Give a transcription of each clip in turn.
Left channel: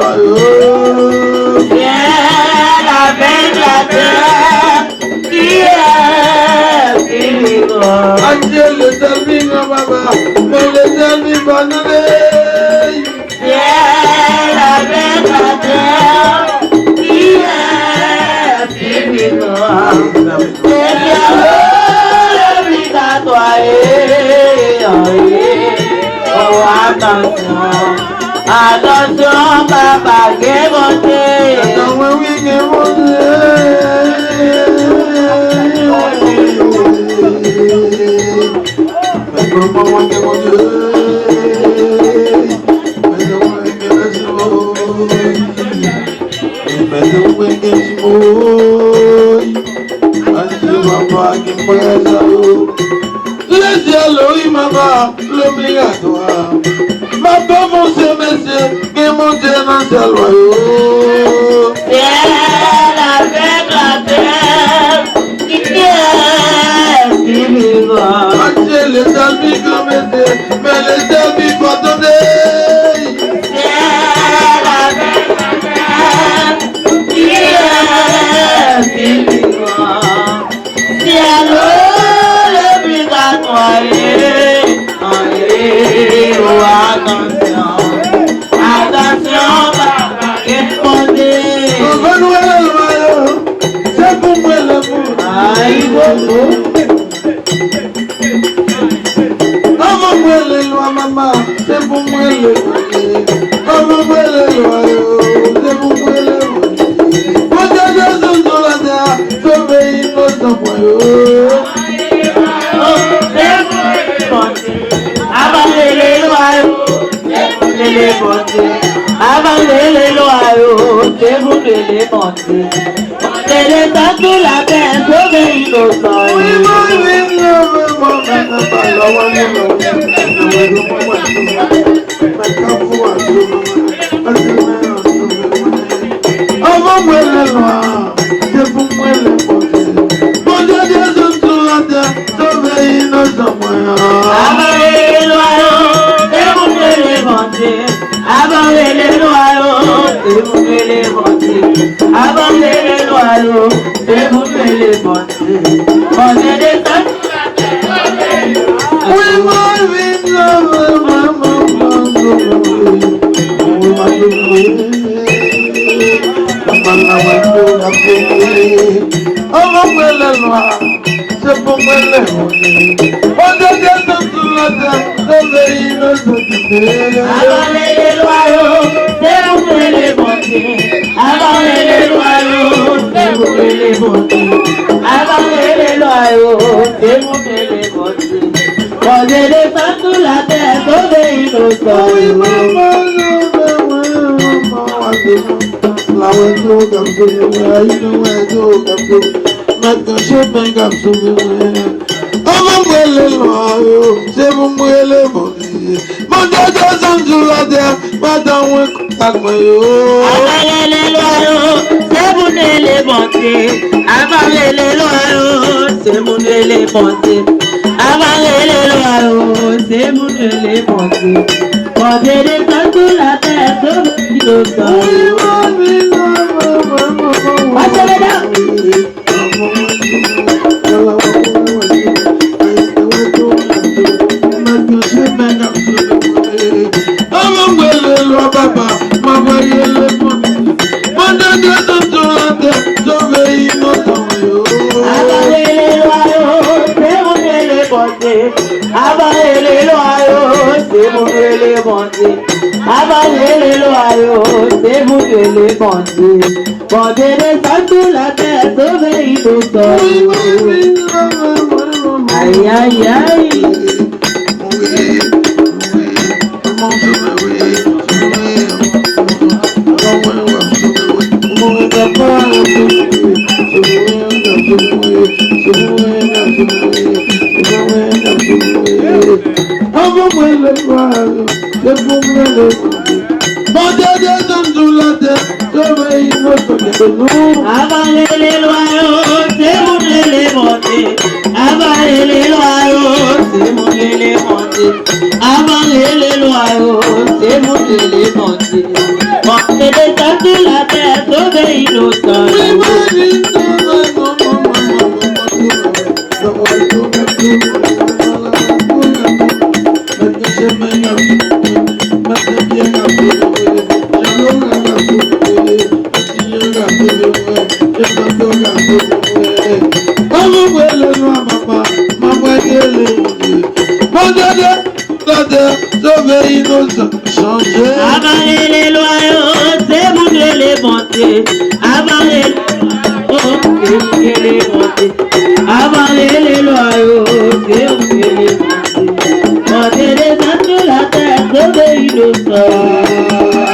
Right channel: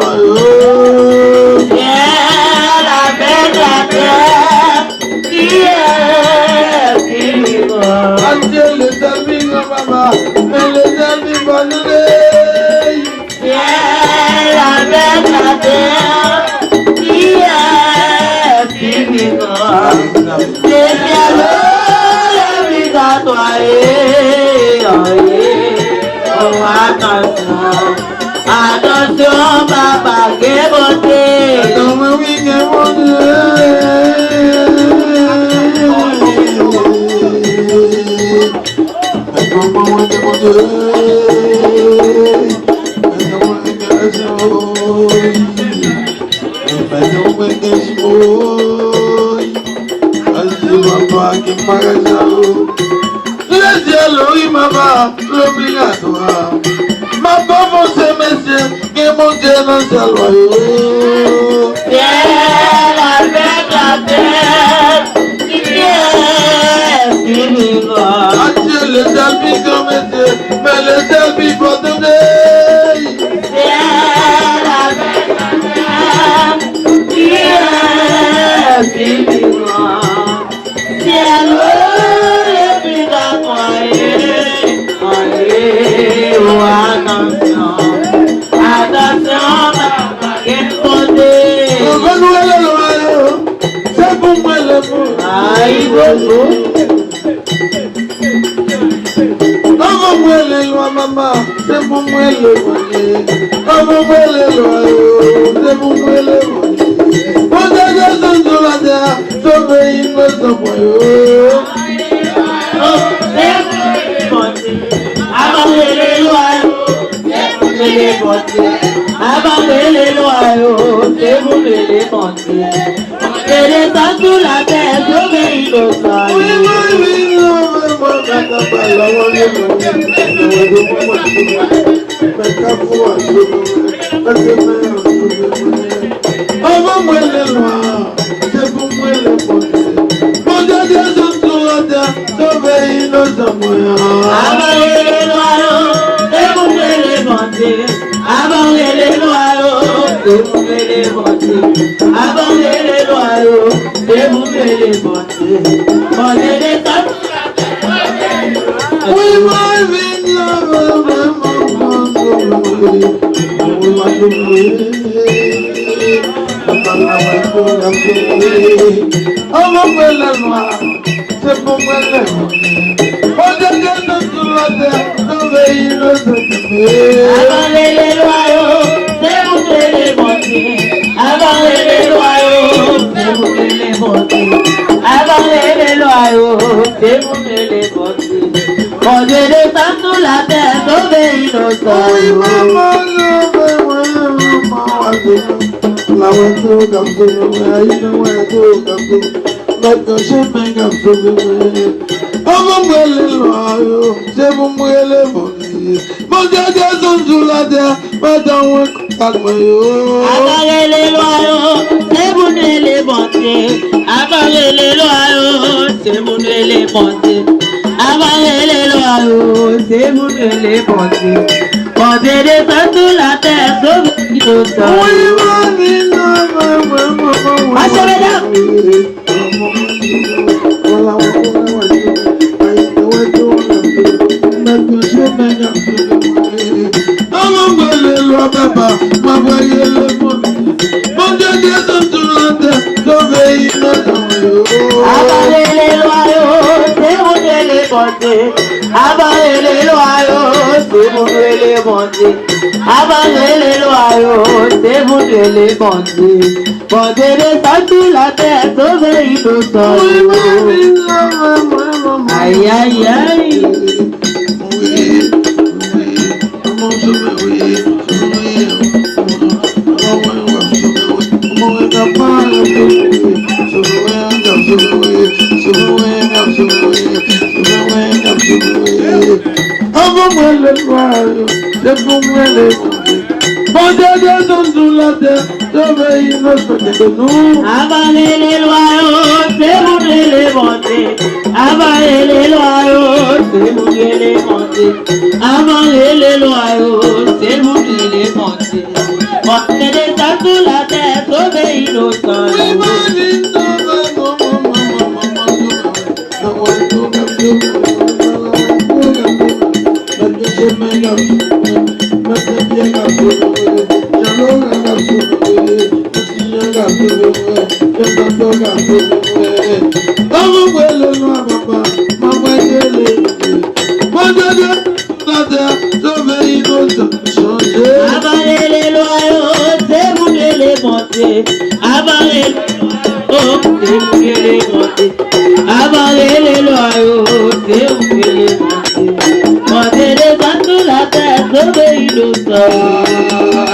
loyaux. Ciel avec la terre, qui est vivant. Dieu le servit, papa, mais le servit pas nous. Ciel avec la terre, qui est vivant. C'est bien obligatoire. Oh, attention, attention, papa, qu'est voté. L'obligatoire. Ma pauvre monsieur, qui mon Dieu non c'est loyaux. Ciel avec la terre, qui est vivant. Dieu le salvi comme monsieur, mais le salvi pas donné. Ciel avec la terre, qui est vivant. Ciel obligatoire. C'est pour moi le mot. Avant moi les lois, maman, c'est pour moi le mot. Avant moi les lois, c'est pour moi le mot. Pour des raisons de la terre, sauver innocent point. Abandonnez les loyaux, c'est vous de les compter. Et le temps de la paix, sauver innocent. Avant moi les lois, c'est pour moi les compter. Pour des raisons de la terre, sauver innocent point. Abandonnez les loyaux, c'est vous de les compter. Abandonnez les loyaux, c'est vous de les compter. Abandonnez les loyaux, c'est vous de les compter. Prenez les temps. We might be lovers, my c'est pour moi le monde. On devient dans tout la terre, sauver innocent. Abandonnez les loyaux, c'est vous de les compter. Abandonnez les loyaux, c'est vous de les compter. Abandonnez les loyaux, c'est vous de les compter. Prenez les temps sous la terre, sauvez innocent. Oui, maman, la radio comme ça, maintenant je fais comme ça. Avant moi les loyaux, c'est pour moi les mauvais. Mon Dieu descend sur la terre, maintenant on calme-yo. Abandonnez les loyaux, c'est vous de les compter. Abandonnez les loyaux, c'est vous de les compter. Abandonnez les loyaux, c'est vous de les compter. Prenez les temps sous la terre, sauvez innocent. Marchez mesdames. Avant moi le loi papa, m'a voyé le monde. Mon Dieu descend sur la terre, sauver innocent. Abandonnez les loyaux, c'est vous de les compter. Abandonnez les loyaux, c'est vous de les compter. Abandonnez les loyaux, c'est vous de les compter. Prenez les temps sous la terre, sauvez innocent. Aïe aïe aïe. Avant-moi le royaume, le bon le bon Dieu descend sous la terre, je veux innocent de nous. Abandonnez les loyaux, c'est vous de les monter. Abandonnez les loyaux, c'est vous de les monter. Abandonnez les loyaux, c'est vous de les monter. Montez des temps sur la terre, sauver innocent. Avaler les loyaux, c'est mon Dieu les bontés. Avaler les bontés. Avaler les loyaux, c'est mon Dieu les bontés. Monter les gens de la terre, sauver innocent.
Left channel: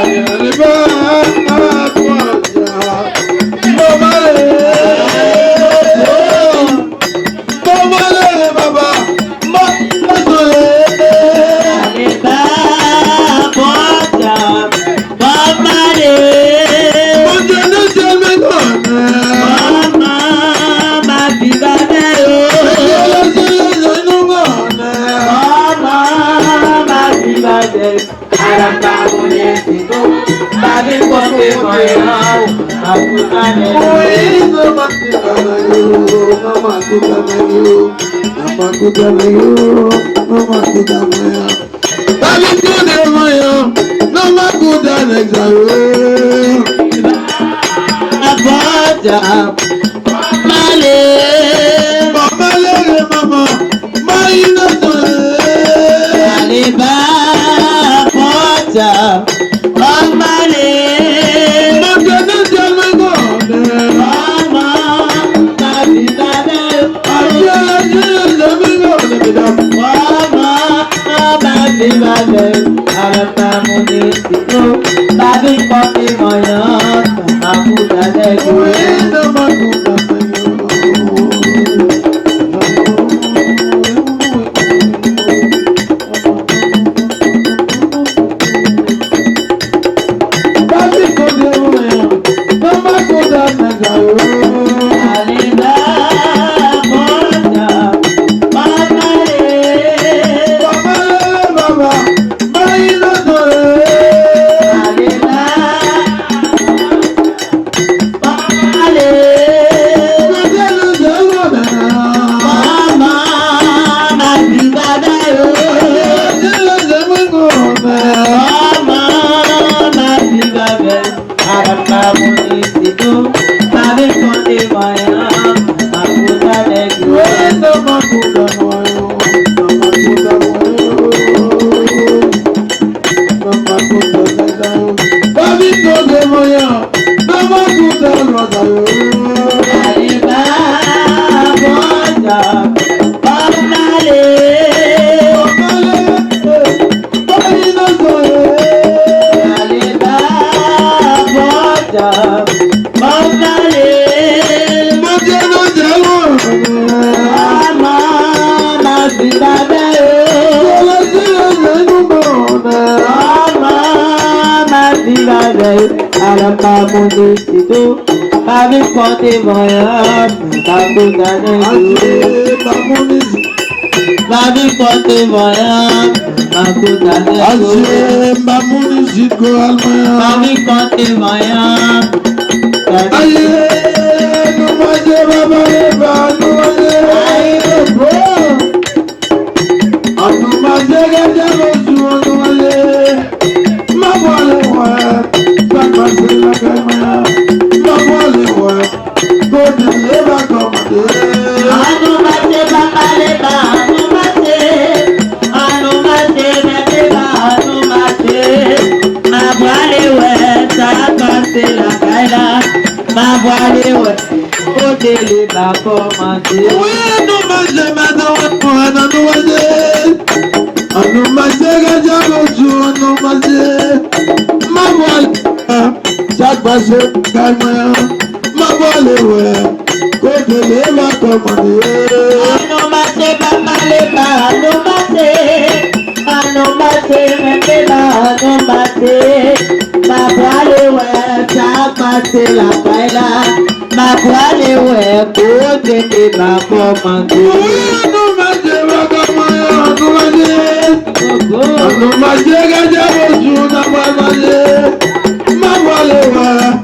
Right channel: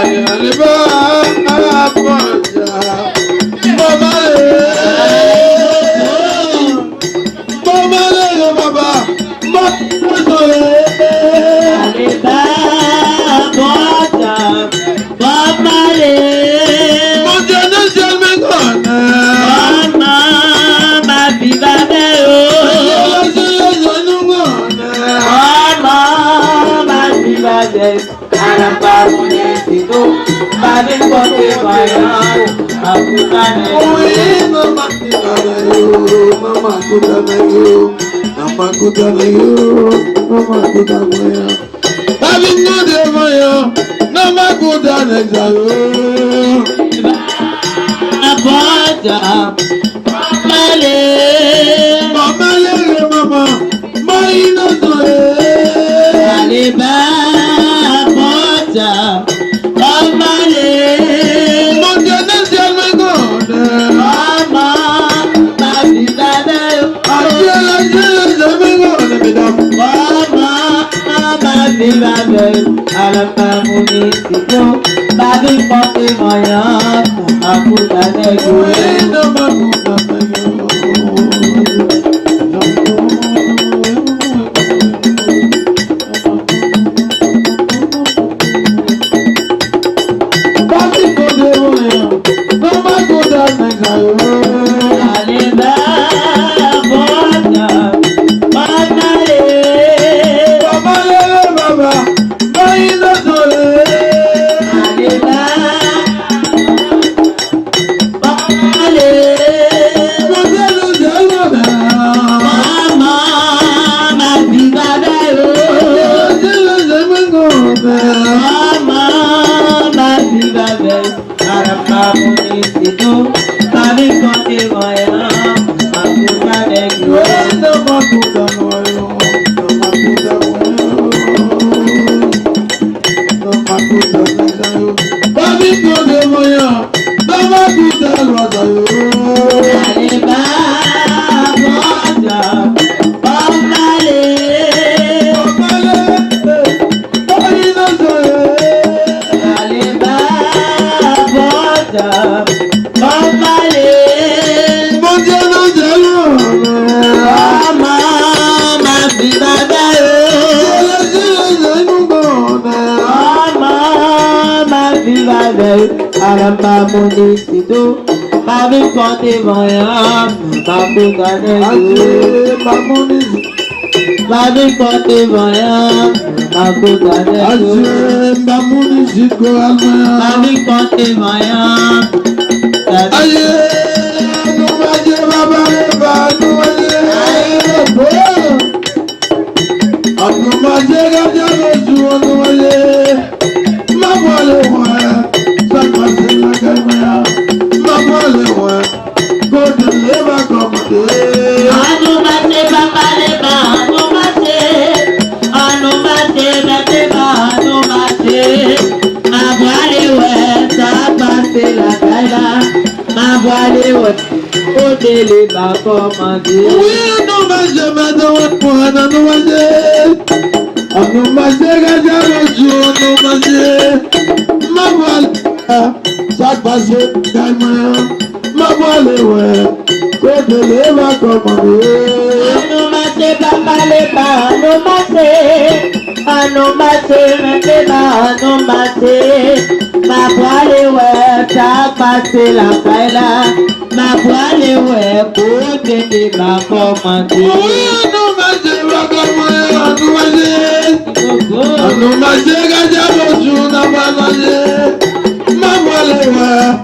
Mawalewa,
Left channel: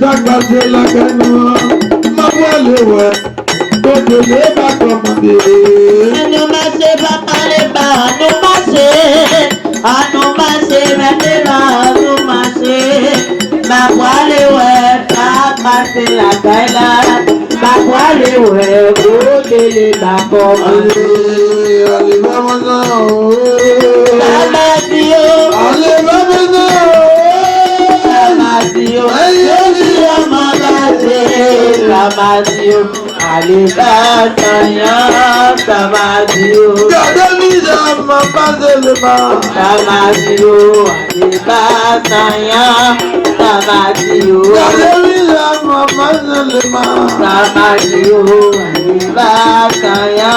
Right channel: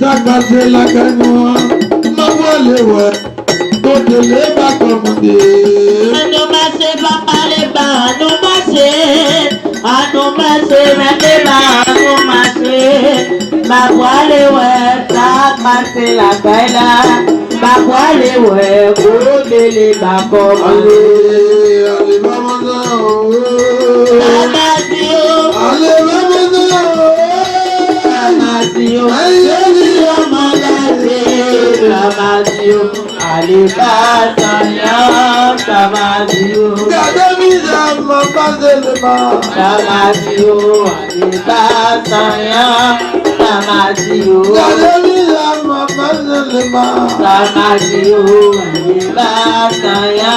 Sakase Lakano, Mawalewa, Totele Bakomande. Anumase Babaleba, Anumase, Anumase Bateba, Anumase, Mawalewa, Sakase Lakana, Mawalewa, Totele Bakomande. Ale Mamana, Tamasio, Ale Mamana, Tamasio, Tamasio, Alibasanya, Tamasio, Kadamida Mapazelema, Tamasio, Alibasanya, Tamasio, Kadamida Mapazelema, Tamasio, Alibasanya,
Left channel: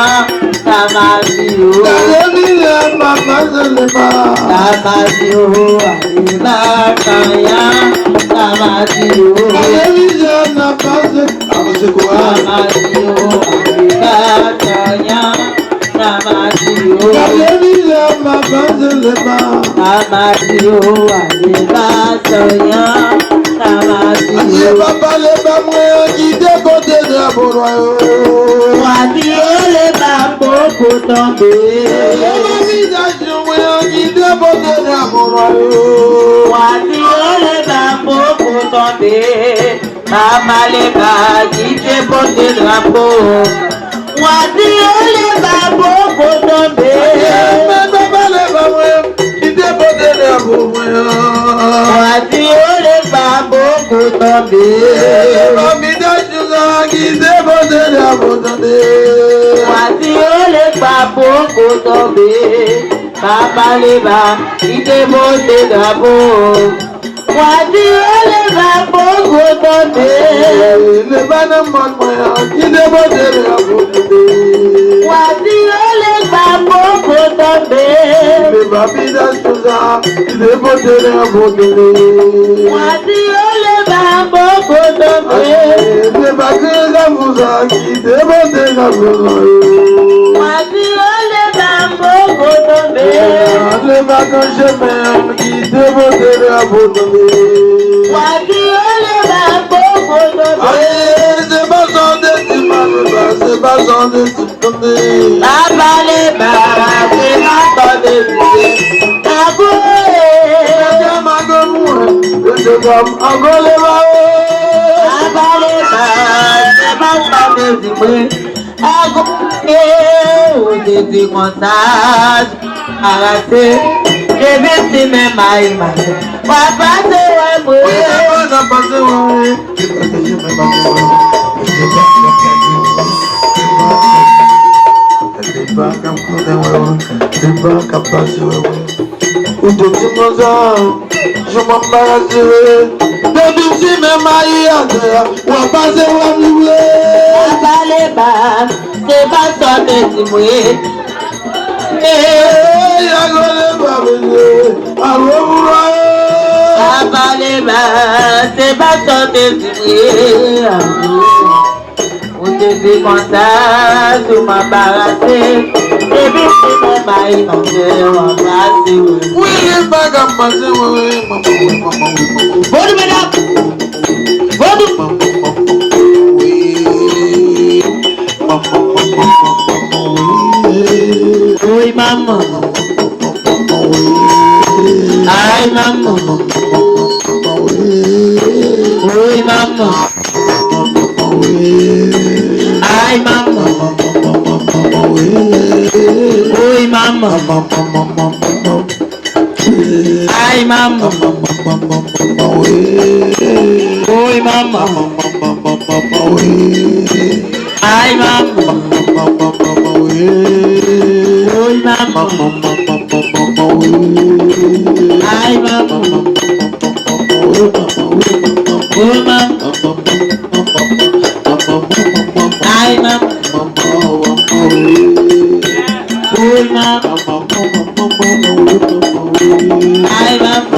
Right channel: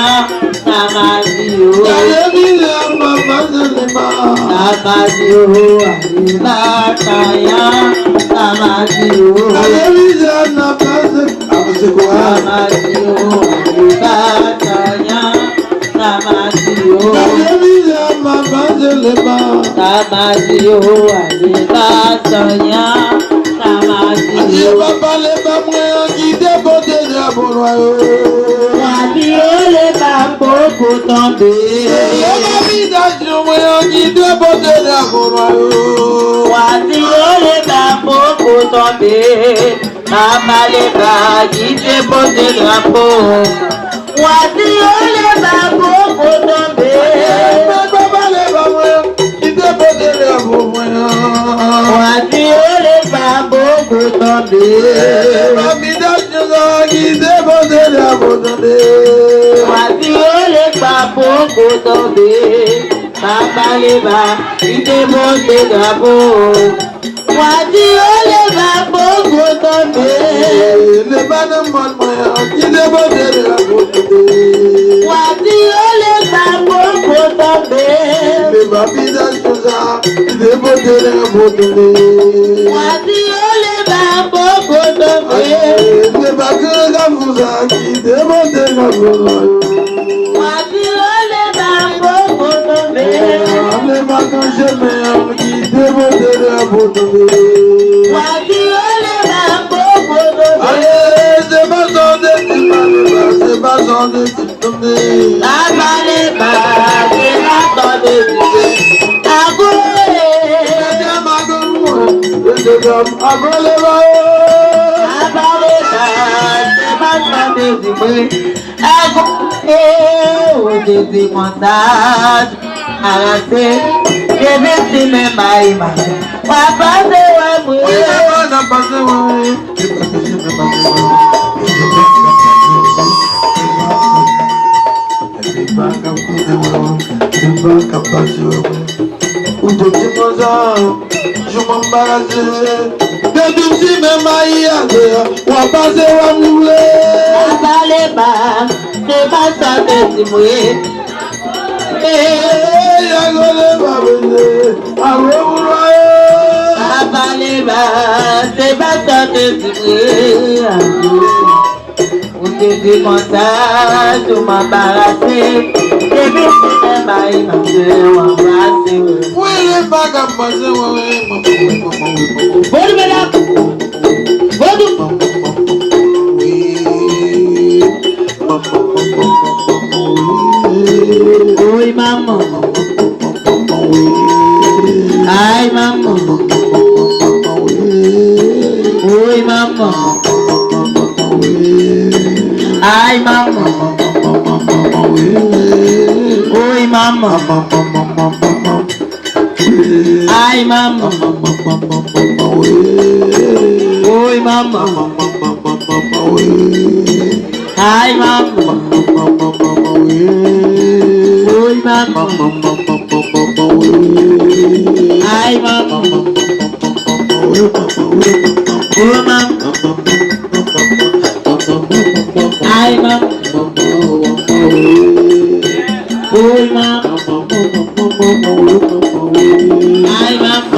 Tamasio, Kadamida Mapazelema, Tamasio, Alibasanya, Tamasio, Kadamida Mapazelema, Tamasio, Alibasanya, Tamasio, Kadamida Mapazelema, Tamasio, Alibasanya, Tamasio. Anje Papa le Bamwe, Guide Bote de Aboroyo. Wàdí ó lè bá gbogbo tán dé. Wàdí ó lè bá gbogbo tán dé. Màmá lè bá jíjẹ bọ́dé dàpọ̀. Wàdí ó lè bá gbogbo tán dé. Wàdí ó lè bá gbogbo tán dé. Wàdí ó lè gbà gbogbo tọ̀bé, bàbá lè bá ìdè bóde dàbò. Wàdí ó lè gbà gbogbo tọ̀bé. Wàdí ó lè gbà gbogbo tọ̀bé. Wàdí ó lè gbà gbogbo tọ̀bé. Wàdí ó lè gbà gbogbo tọ̀bé. Wàdí ó lè gbà gbogbo tọ̀bé. Bàbá lè bá ṣe látọ̀dé ìdílé. Àgúlé. Bàbá lè bá ṣe látọ̀dé ìdílé. Àgúlé òdèdè kọ̀ǹtàjì. Àràṣe ebi sílẹ̀ máa ìmọ̀. Bàbá ṣe wà pé. Je m'embarrasse, baby, si même aïe, on va passer à mouler. Bàbá lè bá ṣe bá sọ̀dé ìdílé. Bàbá lè bá ṣe bá sọ̀dé ìdílé. Òdèdè kọ̀ǹtà tó máa bára ṣe. Ebi ti ní máa ìbàjẹ́ wọn bá ṣe wò. Bọ́dún bẹ́ẹ̀ bọ́dún. Oi, mamãe. Ai, mamãe. Oi, mamãe. Ai, mamãe. Oi, mamãe. Ai, mamãe. Oi, mamãe. Ai, mamãe. Ai, mamãe. Oi, mamãe. Ai, mamãe. Oi, mamãe. Ai, mamãe.